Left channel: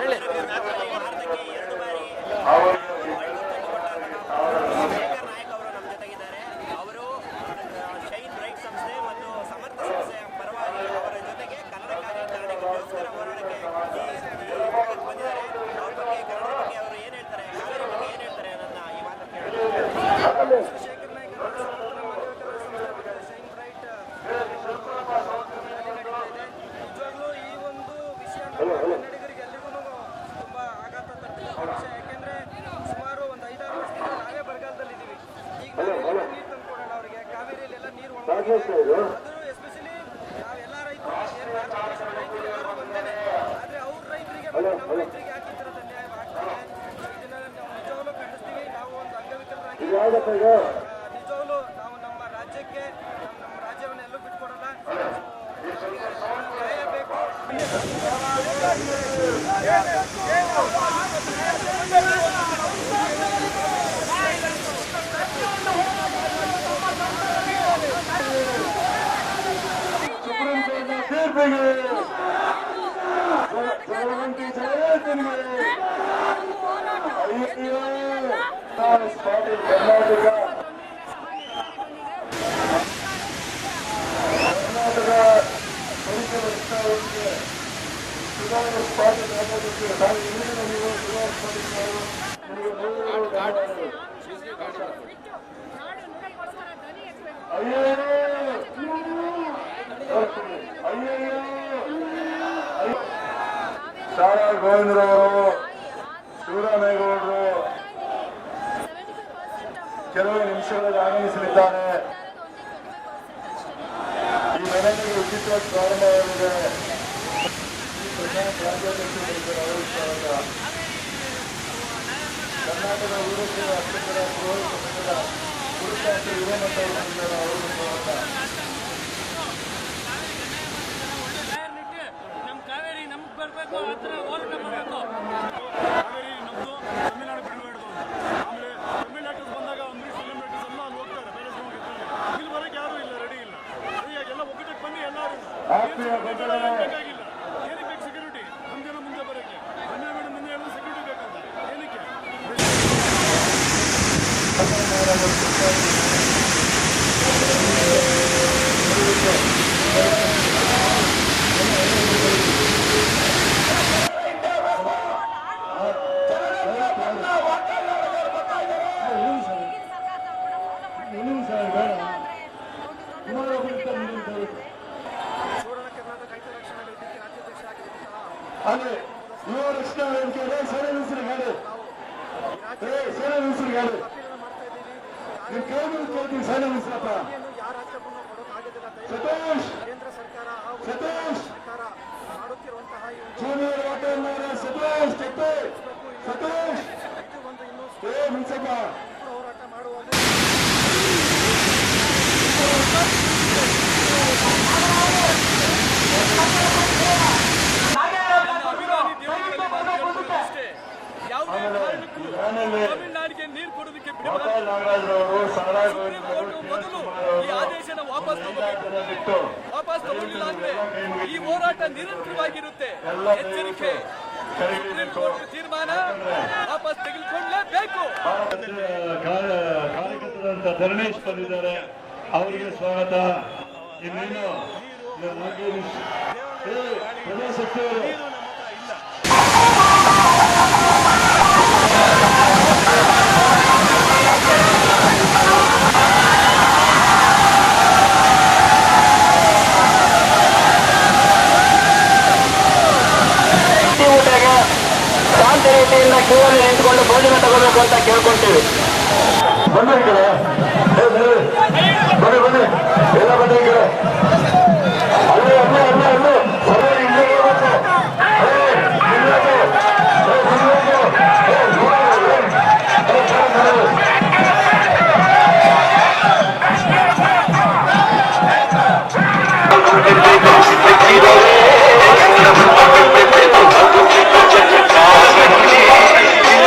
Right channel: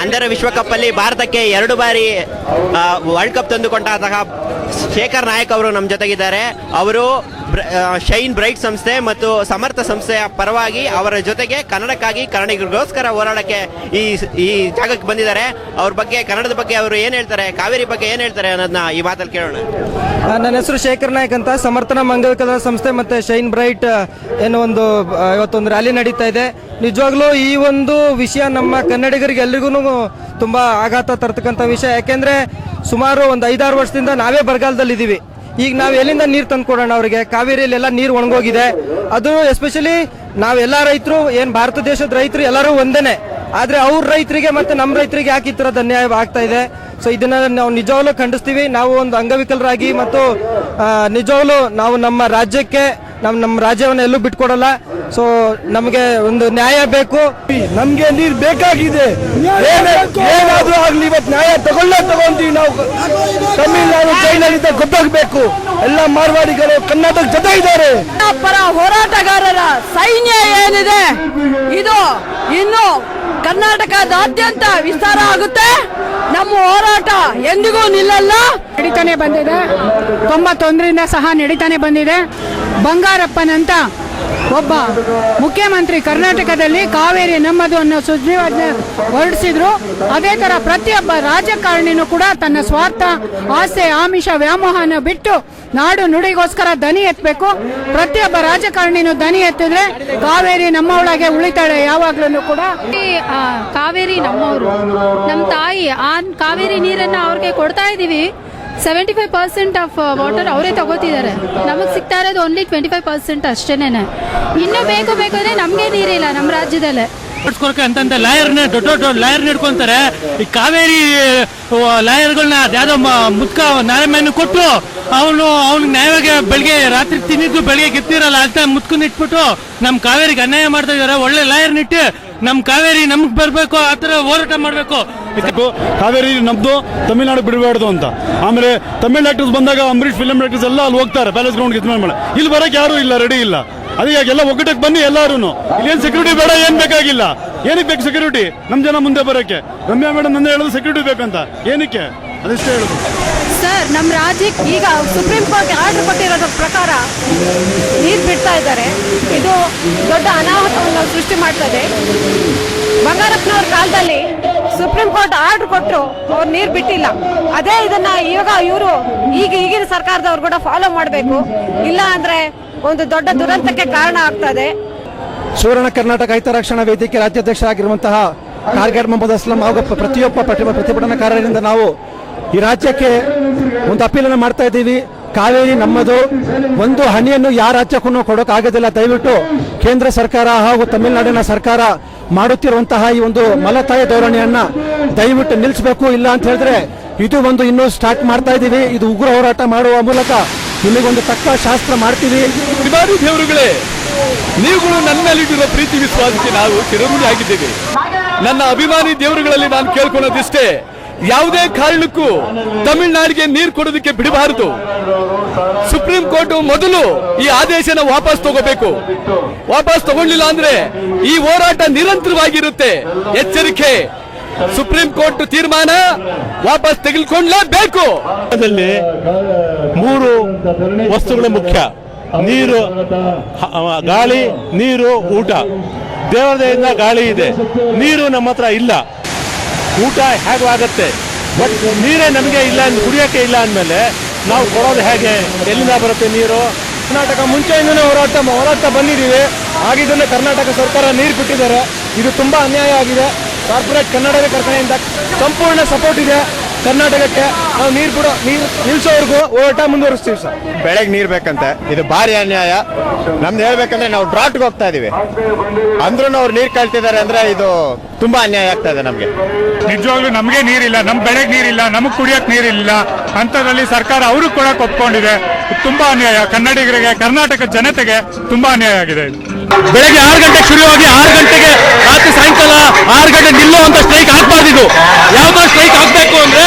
ಅಂಧರ ವಿಶ್ವಕಪ್ ಅಲ್ಲಿ ಭಾರತಕ್ಕೆ 2 ಬಾರಿ ವರ್ಲ್ಡ್ ಕಪ್ ತಂದುಕೊಂಡಂತಹ ಶೇಖರ್ ನಾಯಕ್ ಅವರು ನಮ್ಮ ಜೊತೆಗಿದ್ದಾರೆ. ಅವರು ಶೈನ್ ಬ್ರೈಟ್ ಸಂಸ್ಥೆ ಮತ್ತು ಸಮರ್ಥ ಸಂಸ್ಥೆಯ ಪರವಾಗಿ ಅವರ ಜೊತೆಗೆ ಕನ್ನಡಕ್ಕಾಗಿ ಕನ್ನಡಿಗರಿಗೋಸ್ಕರ ಹೋರಾಡಕ್ಕೆ ಈ ಜಾಗಕ್ಕೆ ಬಂದಿದ್ದಾರೆ. ಅವ್ರ ಬಗ್ಗೆ, ಕನ್ನಡದ ಬಗ್ಗೆ ಅವರು ಏನ್ ಹೇಳ್ತಾರೆ, ಕಾವೇರಿ ಬಗ್ಗೆ ಏನ್ ಹೇಳ್ತಾರೆ ಅನ್ನೋದನ್ನ ಈ ಮಾತಲ್ಲಿ ಕೇಳೋಣ. ನನ್ನ ಹೆಸರು ಶೇಖರ್ ನಾಯಕ್ ಅಂತ. ಸಮರ್ಥನ ಮಂಗವಿಕಲರ ಸಂಸ್ಥೆ ಮತ್ತೆ ಶೈನ್ ಬ್ರೈಟ್ ಏನೋ ಇವತ್ತೊಂದು ರ್ಯಾಲಿ ನಡೀತಾ ಇದೆ. ನಿಜವಾಗ್ಲೂ ಈ ಒಂದು ವಿಷಯ ನಮ್ಮ ಕನ್ನಡಿಗರಿಗೆ ಎಲ್ರಿಗೂ ತುಂಬಾ ಆಘಾತ ತರ್ತಕ್ಕಂಥ ವಿಷಯ. ಯಾಕೆಂದ್ರೆ ಸುಮಾರು ಒಂದು 5-6 ವರ್ಷದಿಂದ ನಾವೇ ಬರಗಾಲದಲ್ಲಿ ಇದ್ದೀವಿ. ಈಗ ನಾವು ಎಲ್ಲಿಂದ ನೀರು ತಂದು ಕೊಡೋಣ ಅವರಿಗೆ? ಕಾವೇರಿಯಲ್ಲೆಲ್ಲ ನೀರು ಒಣಗೋಗಿದೆ. ಅದು ಎಸ್ಪೆಷಲಿ ನಾವೆಲ್ಲ ರೈತರು, ಏನು ಭಾರತ ದೇಶದ ರೈತರು ಎಲ್ಲರೂ ಒಂದೇನೆ. ಆದರೆ ಅವ್ರ ರೈತರಿಗೆ ಮತ್ತು ನಮ್ಮ ರೈತರಿಗೆ ಯಾಕೆ ಈ ಥರದ ಅನ್ಯಾಯ ಆಗ್ತಾ ಇದೆ? ಸೊ ಇದನ್ನ ನಾವು ನಿಜವಾಗ್ಲೂ ಖಂಡಿಸ್ತೀವಿ. ನಾವು ಒಂದು ಅಂಗವಿಕಲರಾಗಿ ಮತ್ತು ನಿಜವಾಗ್ಲೂ ನಾವು ನಮ್ಮ ರಾಜ್ಯಕ್ಕೆ ನಮ್ಮ ರಾಜ್ಯವನ್ನು ಎಲ್ಲೂ ಬಿಟ್ಕೊಡಲ್ಲ. ಸೊ ನಮಗೆ ಒಂದು ನ್ಯಾಯ ಬೇಕು, ನಮಗೆ ನೀರು ಬೇಕಾಗಿದೆ. ಏನಾದ್ರೂ ಆಗ್ಲಿ ಇವತ್ತು ನ್ಯಾಯ ತಗೊಂತೀವಿ ನಾವು. ತಮಿಳುನಾಡು ಚೈನಾದಿಂದ ಗೊತ್ತಾಗಬೇಕು. ಎಲ್ಲ ಮಾರ್ವಾಡಿಗಳು ಕರ್ನಾಟಕ ಜೊತೆ ಇದ್ದಾರೆ. ಪರ ಹೋರಾಟಗಾರರ ಸೈನ್ಯ ಏನಿದೆ ಇದು ಇನ್ನು ಕರ್ನಾಟಕದಾದ್ಯಂತ ವಿಸ್ತಾರ ಆಗುತ್ತೆ. ನಮ್ಮ ಹೋರಾಟ ಎಂದಿಗೂ ನಿಲ್ಲಲ್ಲ. ನಡೀತಾನೆ ಬಂದಿದೆ. 91ರಿಂದ ಸಹ ನಡೀತಾನೆ ಬಂದಿದೆ. ಬಂಗಾರಪ್ಪನಂತ ಒಬ್ಬ ಮುಖ್ಯಮಂತ್ರಿ ಕರ್ನಾಟಕದಲ್ಲಿ ಕಾವೇರಿ ನಮ್ಮದು ಅನ್ನೋ ಸುದ್ದಿಯನ್ನು ಹೊರಡಿಸಿದ್ರು. ಅದೇ ತರ ಪ್ರತಿಯೊಬ್ಬ ರಾಜಕಾರಣಿನೂ ಕೂಡ ತನ್ನ ಸ್ವಾರ್ಥ, ಆಸೆ, ಆಮಿಷ, ವ್ಯಾಮೋಹನ ಬಿಟ್ಟು ನಾಡು ನುಡಿಗೋಸ್ಕರ ದನಿ ಎತ್ತಬೇಕು. ಪ್ರತಿಯೊಬ್ಬ ರಾಜಕಾರಣಿನೂ ದನಿ ಎತ್ತಿದ್ರೆ ಕಾವೇರಿ ನಮ್ಮ ಒಳಗೆ ಉಳಿತಾಳೆ ಯಾವಾಗ್ಲೂ ಕೂಡ. ಕಾವೇರಿ ನಮ್ಮವರು, ನಮ್ಮ ತಾಯಿ. ಆ ಕಾವೇರಿ ನೀರನ್ನ ಅವ್ರಿಗೆ ಕೊಡ್ತಾ ಇದೀವಿ. 75% ಆಫ್ ವಾಟರ್ ಅವರೇ ತಗೋತಿದ್ದಾರೆ. ನಮಗೆ ಸಿಗ್ತಾ ಇರೋದು ಓನ್ಲಿ 25% ಅಷ್ಟೇನೆ. ಇನ್ನೂ ಬೇಕು ಅಂದ್ರೆ ನಮಗೆ ನೀರಿಲ್ಲ ನಮ್ಮ ರಾಜ್ಯದಲ್ಲೇ. ಅಂತಂತ ಲಾಯರ್ನ ದೊಡ್ಡ ಲಾಯರ್ನ ಇಟ್ಕೊಂತಾರೆ. ಈ ಕಾವೇರಿ ಲಾಯರ್ಗಳನ್ನ ಯಾವ್ದೋ ಮುದ್ಕ ನ್ಯಾಯಮಯನ ಕೊಟ್ಟು ಅವ್ನಿಗೆ ನ್ಯಾಯವಾಗಿ ಬೆಳಿಗ್ಗೆ ರಾತ್ರಿ ತಿನ್ನಿದ್ದು ಬೆಳಿಗ್ಗೆ ಗೆತ್ತಿರಲ್ಲ ಅಂತ ಮುತ್ಕನ್ನ ಇಟ್ಬಿಟ್ಟು ನಮ್ಮ ಕಾವೇರಿಗೆ ಅನ್ಯಾಯ ಮಾಡ್ತಾ ಇದಾರೆ. ಒಳ್ಳೆ ಲಾಯರ್ನಿಟ್ಟು ನಮ್ ಕಾವೇರಿ ನಮ್ಗೆ ಬರ್ಬೇಕು, ಆತರ ಹೋರಾಟ ಮಾಡ್ಬೇಕು. ಕಾವೇರಿ ನಮ್ದು, ತಮಿಳ್ನಾಡು ಬಿಡಬಾರ್ದು ಅಂತ. ಆಮೇಲೆ ತಮಿಳ್ ಆಕ್ಟರ್ಸ್ ಬಂದಾಗ ಅಂಬರೀಶ್ ಫಿಲ್ಮ್ ಆಕ್ಟರ್ಸ್ ಎಲ್ಲ ಅಲ್ಲಿ ಹೋಗ್ತಾರೆ ಪ್ಯಾಲೇಸ್ ಗ್ರೌಂಡ್ ಇಲ್ಲಿ ಬರಕ್ಕೆ ಯಾರು ಇಲ್ಲ, ರೆಡಿ ಇಲ್ಲ. ಅದಕ್ಕೆ ಎಲ್ಲ ಒಗ್ಗಟ್ಟಕ್ಕೆ ಬನ್ನಿ ಎಲ್ಲಾರು. ಏನ್ ಸೆಕ್ಯೂರಿಟಿ ಬೇಡ, ಏನ್ ಬೇಕಾಗಿಲ್ಲ. ಏನಕ್ಕೆ ಬೇಕು ಸೆಕ್ಯೂರಿಟಿ? ನಮ್ ಜನ ಮುಂದೆ ಬರೋಕೆ. ರಮ್ಯಾ ಮೇಡಮ್ ನಂದೇ ಹೇಳೋದು ಸೆಕ್ಯೂರಿಟಿ ಬೇಕಂತ. ಏನಕ್ಕೆ? ಅದಷ್ಟೇ ಹೇಳೋದು ಸರ್. ನಮ್ಮ ರಾಜ್ಯಕ್ಕೆ ಈಗ ಸುಪ್ರೀಂ ಕೋರ್ಟ್ ಆರ್ಡರ್ ಕೊಟ್ಟಿರೋದ್ರ ಪ್ರಕಾರ ನೀರು ಬಿಡ್ತಾ ಇದ್ದಾರೆ. ಇದು ದೊಡ್ಡ ಅನಾಹುತವನ್ನು ಸೃಷ್ಟಿ ಮಾಡ್ತದೆ. ಬಂಗಾರಪ್ಪನವ್ರ ಕಾಲದಲ್ಲಿ ಸುಪ್ರೀಂ ಕೋರ್ಟ್ ಆರ್ಡರ್ ಕೊಟ್ಟರು, ಅವ್ರು ನೀರು ಬಿಟ್ಟಿಲ್ಲ. ಅದೇ ಇದನ್ನ ಇವಾಗ ಇವರು ಈಗಿನ ಸರ್ಕಾರದವ್ರು ಕೂಡ ಫಾಲೋ ಮಾಡಬೇಕು. ಇಲ್ಲ ಅಂದ್ರೆ ಒಂದು ದೊಡ್ಡ ದುರಂತಕ್ಕೆ ಕಾರಣ ಆಗ್ತದೆ. ಸುವರ್ಣ ಕರ್ನಾಟಕ ಹಿತರಕ್ಷಣಾ ವೇದಿಕೆ ರಾಜ್ಯಾಧ್ಯಕ್ಷರಾಗಿರುವಂತಹ ಕಾರ್ಗಡ್ ಮೊಹಮ್ಮದ್ ಅಸ್ಲಂ ಹಾಗೂ ಪ್ರತಿಯೊಬ್ಬ ಪ್ರತಿಭಟನಾಕಾರರಿಂದ ನಾವು ಈ ರಾಜ್ಯಕ್ಕೆ ಒಂದು ಅಪೀಲನ್ನು ಮಾಡ್ತಾ ಇದ್ದೀವಿ. ಕಾವೇರಿ ನಮ್ಮದು. ಒಂದು ಹನಿಯನ್ನು ಯಾರ ರಾಜ್ಯಕ್ಕೂ ಕೊಡೋಕ್ಕಾಗೋದಿಲ್ಲ. ದಯವಿಟ್ಟು ಕೇಂದ್ರ ಸರ್ಕಾರ ಹಾಗೂ ತಮಿಳುನಾಡಿನ ಸರ್ಕಾರ ಮಾಡುತ್ತಿರುವಂತಹ ಈ ಒಂದು ಮಲತಾಯಿ ಧೋರಣೆಯನ್ನ ದಯವಿಟ್ಟು ನಿಲ್ಲಿಸಬೇಕು. ಇಲ್ಲ ಅಂತ ಹೇಳಿದ್ರೆ ಇದು ಒಂದು ಇನ್ನೂ ಸ್ಟಾರ್ಟ್ ಮಾಡ್ತಾ ಇದ್ದೀವಿ. ಇದು ಉಗ್ರ ಹೋರಾಟ ಮಾಡುವ ಮೂಲಕ ನಿಮಗೊಂದು ತಕ್ಕ ಶಾಸ್ತ್ರ ಮಾಡ್ತೀವಿ. ದೇವರುಗಳೇ, ನೀವು ನನ್ನಲ್ಲಿರುವ ಪ್ರೀತಿ ವಿಶ್ವಾಸಕ್ಕೆ ನಾವು ಚಿರಋಣಿ ಆಗಿದ್ದೇವೆ. ನನ್ನ ಅಭಿಮಾನಿ ದೇವರುಗಳಲ್ಲಿ ನಾನು ಕೇಳ್ಕೊಳ್ಳೋದಿಷ್ಟೇ, ಯಾವುದೇ ಕಾರಣಕ್ಕೂ ತಮಿಳುನಾಡಿಗೆ ನೀರು ಕೊಡೋದಕ್ಕೆ ಬಿಡಬಾರದು. ಸುಪ್ರೀಂ ಕೋರ್ಟ್ ಮೊದಲು ಈ ಆದೇಶನ ವಾಪಸ್ ತಗೋಬೇಕು. ವಾಪಸ್ ತಗೊಂಡಿಲ್ಲ ಅಂದ್ರೆ ಈ ಹೋರಾಟ ನಿರಂತರವಾಗಿರುತ್ತೆ. ಎಚ್ಚರಿಕೆ, ಸುಪ್ರೀಂ ಕೋರ್ಟ್ ತೀರ್ಮಾನ ವಾಪಸ್ ತೆಗೆದುಕೊಳ್ಳಲೇಬೇಕು. ಅದರಲ್ಲಿ 3 ವಸ್ತುಗಳು ಮುಖ್ಯ: ನೀರು, ಗಾಳಿ, ನೀರು, ಊಟ. ದೇವರದಿಂದ ಗಾಳಿ ಇದೆ, ನೀರು ನಮ್ಮ ಹತ್ರ ಇಲ್ಲ. ಊಟ ಹೇಗಾಗುತ್ತೆ? ನೀರೇ ನಮಗೆ ಇಲ್ಲ, ಕುಡಿಯೋಕ್ಕೆ ಇಲ್ಲ ಅಂದಮೇಲೆ ನಾವು ಕೊಡೋದು ಹೇಗೆ? ಎಲ್ಲಿಂದ ಬರುತ್ತೆ ನೀರು? ಕರ್ನಾಟಕ ಮುಂಚೆಯಿಂದಲೇ ಹೋರಾಟ ಬಂದಿದ್ದೀವಿ. ಹಾಗಿದ್ದಲ್ಲೇ ಕರ್ನಾಟಕ ಸರ್ಕಾರ ನೀರು ಕೊಟ್ಟಿದ್ದಾರೆ. ಇದು ತುಂಬಾ ಅನ್ಯಾಯ ಆಗಿದೆ. ಕನ್ನಡಿಗರ ಕಡೆಯಿಂದ ಸಂಪೂರ್ಣ ಸಪೋರ್ಟ್ ಇದೆ ಕರ್ನಾಟಕಕ್ಕೆ. ನಾವು ನೀರು ಕೂಡ ನಿಲ್ಲಿಸೋವರೆಗೂ ಹೋರಾಟ ಮುಂದುವರಿಸ್ತೀವಿ ಸರ್. ಬೆಳಗ್ಗೆ ನೀರು ಬೇಕಂತೆ, ಇದು ಭಾರಿ ಅನ್ಯಾಯ. ನಮ್ದು ಹೇಳ್ಬೇಕಂದ್ರೆ ನಾವು ಟ್ರಾಟ್ಗೆ ಹೋಗ್ತಾ ಇದೀವಿ, ಅಂದ್ರೂ ಅವ್ರು ನೀರು ಕೇಳ್ತಿದ್ದಾರೆ ಅಂದ್ರೆ ಇದು ತುಂಬಾ ಅನ್ಯಾಯ ಆಗ್ತದೆ ನಮಗೆ. ನಿಜವಾಗ್ಲೂ ನಮಗೆ ನೀರಿಲ್ಲ, ನಮ್ಮ ಬೆಳೆಗೆ ನೀರಿಲ್ಲ, ನಮಗೆ ಕುಡಿಯೋಕೆ ನೀರಿಲ್ಲ. ಅಂಥದ್ರಲ್ಲಿ ಸರ್ಕಾರ ಅವರು ಕೊಡಕ್ಕೆ ಒಪ್ಕೊಂಡಿದೆ. ತುಂಬಾ ಅನ್ಯಾಯ. ಕನ್ನಡಿಗರಿಗೆ, ಕರ್ನಾಟಕ ಜನತೆಗೆ ತುಂಬಾ ಅನ್ಯಾಯ ಆಗಿದೆ. ಬೆಳಗ್ಗೆ 6 ಗಂಟೆಗೆ ಶುರುವಾಗಿ 6 ಗಂಟೆಗೆ ರಾತ್ರಿ ಸಾಯಂಕಾಲ 6 ಗಂಟೆ ನಿಲ್ಲುವಂತ ಸ್ಟ್ರೈಕ್ ಹಾಕ್ಬಾರ್ದಿದ್ದು. ಯಾವ್ದೋ ಸ್ಟ್ರೈಕ್ ಹಾಕ್ಬೇಕು ಅಂದ್ರೆ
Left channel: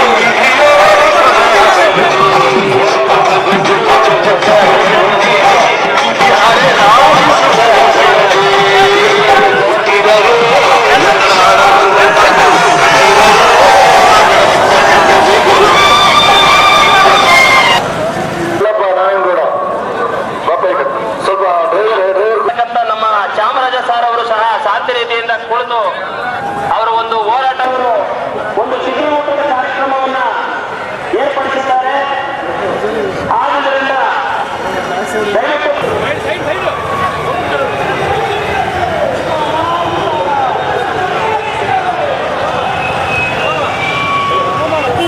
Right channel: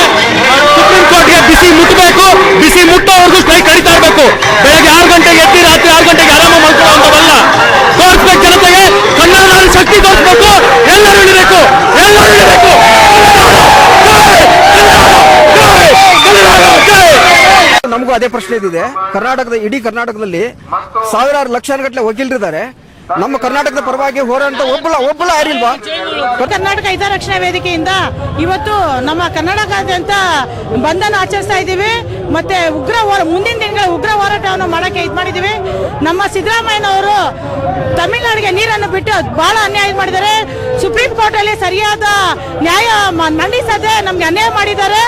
ಸುಪ್ರೀಂ ಕೋರ್ಟ್ಗೆ ಬಿಸಿ ಮುಟ್ಟಬೇಕು. ಬಿಸಿ ಮುಟ್ಟೋವರೆಗೂ ಸ್ಟ್ರೈಕ್ ನಡೀತಾ ಇರಬೇಕು. ಬೆಳಗ್ಗೆ 6 ಗಂಟೆಗೆ ಎತ್ತಿ ರಾತ್ರಿ 6 ಗಂಟೆಗೆ ಆರಾಮ ಮಾಡ್ಕೊಳ್ಳೋಂಥವಲ್ಲ. ತೋರಿಸ್ಬೇಕು ಜನತೆಗೆ, ಕನ್ನಡ ಶಕ್ತಿ ತೋರಿಸ್ಬೇಕು. ಎಲ್ಲರೂ ಇರಬೇಕು, ಎಲ್ಲರೂ ಇರಬೇಕು. ಕರ್ನಾಟಕ ಹಿತರಕ್ಷಣಾ ವೇದಿಕೆಯಿಂದ ಇವತ್ತು ನಮ್ಮ ಕನ್ನಡದಾದ್ಯಂತ ಬಂಧನ ಆಚರಿಸ್ತಾ ಇದ್ದೀವಿ. ಮತ್ತೆ ಮುಂದಿನ ದಿನ ಉಗ್ರ ಹೋರಾಟವನ್ನು ಮಾಡೋಕ್ಕೆ ಇದು ಮಾಡಿದ್ದೀವಿ. ನಮ್ಮ ಸಿದ್ದರಾಮಯ್ಯನವರು ತಮಿಳುನಾಡಿಗೆ ನೀರನ್ನು ಬಿಟ್ಟು ಬಹಳ ಅನ್ಯಾಯ ಮಾಡಿದ್ದಾರೆ. ಸುಪ್ರೀಂ ಕೋರ್ಟಲ್ಲಿ ಸರಿಯಾದ ನ್ಯಾಯ ಮಂಡಿಸದೆ ನಮ್ಗೆ ಅನ್ಯಾಯ ಮಾಡಿದ್ದಾರೆ.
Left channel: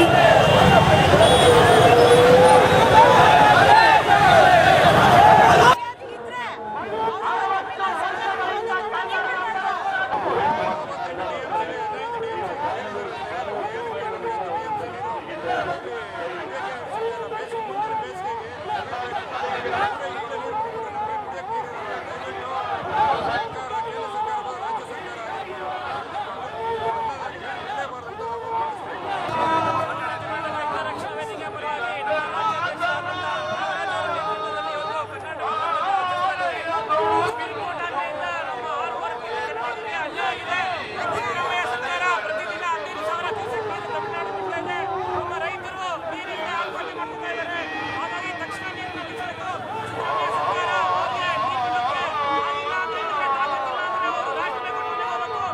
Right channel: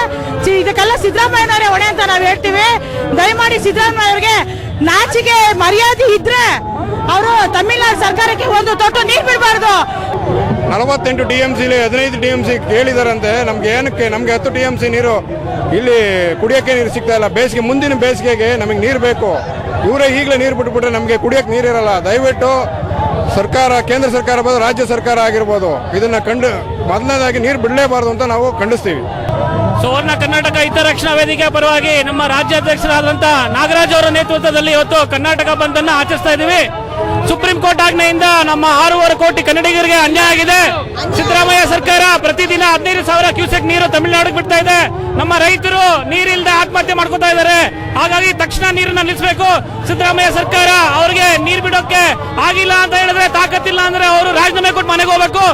ಇದಕ್ಕೆಲ್ಲ ಸಿದ್ದರಾಮಯ್ಯನವರೇ ಹೊಣೆ ಅಂತ ನಾವು ಹೇಳ್ತೀವಿ. ದಯಮಾಡಿ ಸಿದ್ದರಾಮಯ್ಯವ್ರಿಗೆ ನಾಚಿಕೆ ಮರ್ಯಾದೆ ಇದ್ರೆ ಅವರು ತಮಿಳುನಾಡು ಸರ್ಕಾರಕ್ಕೆ ಒಂದು ತೊಟ್ಟು ನೀರು ಬಿಡಬಾರ್ದು. 48 TMC 15 TMC ಕೇಳಿದಾರಂತೆ. ನಮ್ಗೆ ಏನಕ್ಕೆ ನಮ್ಗೆ 10 TMC ನೀರು ಇಲ್ಲಿ ಕುಡಿಯೋಕ್ಕೆ ನೀರು ಸಿಗ್ತಾ ಇಲ್ಲ. ಬೇಸಿಗೆ ಮುಂದಿನ ಬೇಸಿಗೆಗೆ ನಮಗೆ ನೀರು ಬೇಕು. ಇವರೇ ಈಗಲೇ ನೀರು ಬಿಟ್ಬಿಟ್ರೆ ನಮಗೆ ಕುಡಿಯೋಕ್ಕೆ ನೀರಿರಲ್ಲ. ದಯವಿಟ್ಟು ಸರ್ಕಾರ, ಕೇಂದ್ರ ಸರ್ಕಾರ ಬಂದು ರಾಜ್ಯ ಸರ್ಕಾರ ಆಗಿರ್ಬೋದು, ಇದನ್ನ ಮೊದಲನೇದಾಗಿ ನೀರು ಬಿಡಲೇಬಾರ್ದು ಅಂತ ನಾವು ಖಂಡಿಸ್ತೀವಿ. ಸುವರ್ಣ ಕರ್ನಾಟಕ ಹಿತರಕ್ಷಣಾ ವೇದಿಕೆ ಪರವಾಗಿ ನಮ್ಮ ರಾಜ್ಯಾಧ್ಯಕ್ಷರಾದಂತ ನಾಗರಾಜ್ ಅವರ ನೇತೃತ್ವದಲ್ಲಿ ಇವತ್ತು ಕರ್ನಾಟಕ ಬಂದನ್ನ ಆಚರಿಸ್ತಾ ಇದ್ದೀವಿ. ಸುಪ್ರೀಂ ಕೋರ್ಟ್ ಆಜ್ಞೆಯಿಂದ ನಮ್ಮ 6.5 ಕೋಟಿ ಕನ್ನಡಿಗರಿಗೆ ಅನ್ಯಾಯ ಆಗಿದೆ. ಸಿದ್ದರಾಮಯ್ಯ ಸರ್ಕಾರ ಪ್ರತಿದಿನ 15,000 ಕ್ಯೂಸೆಕ್ ನೀರು ತಮಿಳುನಾಡಿಗೆ ಬಿಡ್ತಾ ಇದೆ. ನಮ್ಮ ರೈತರು ನೀರಿಲ್ಲದೆ ಆತ್ಮಹತ್ಯೆ ಮಾಡ್ಕೊತಾ ಇದ್ದಾರೆ. ಹಾಗಾಗಿ ತಕ್ಷಣ ನೀರನ್ನ ನಿಲ್ಲಿಸಬೇಕು. ಸಿದ್ದರಾಮಯ್ಯ ಸರ್ಕಾರ ಅವರಿಗೆ ನೀರು ಬಿಡೋಕೆ ಆಗಿಲ್ಲ ಅಂತ ಹೇಳಿದ್ರೆ, ತಾಕತ್ತಿಲ್ಲ ಅಂದ್ರೆ ಅವರು ರಾಜೀನಾಮೆ ಕೊಟ್ಟು ಮನೆಗೆ ಹೋಗ್ಬೇಕು.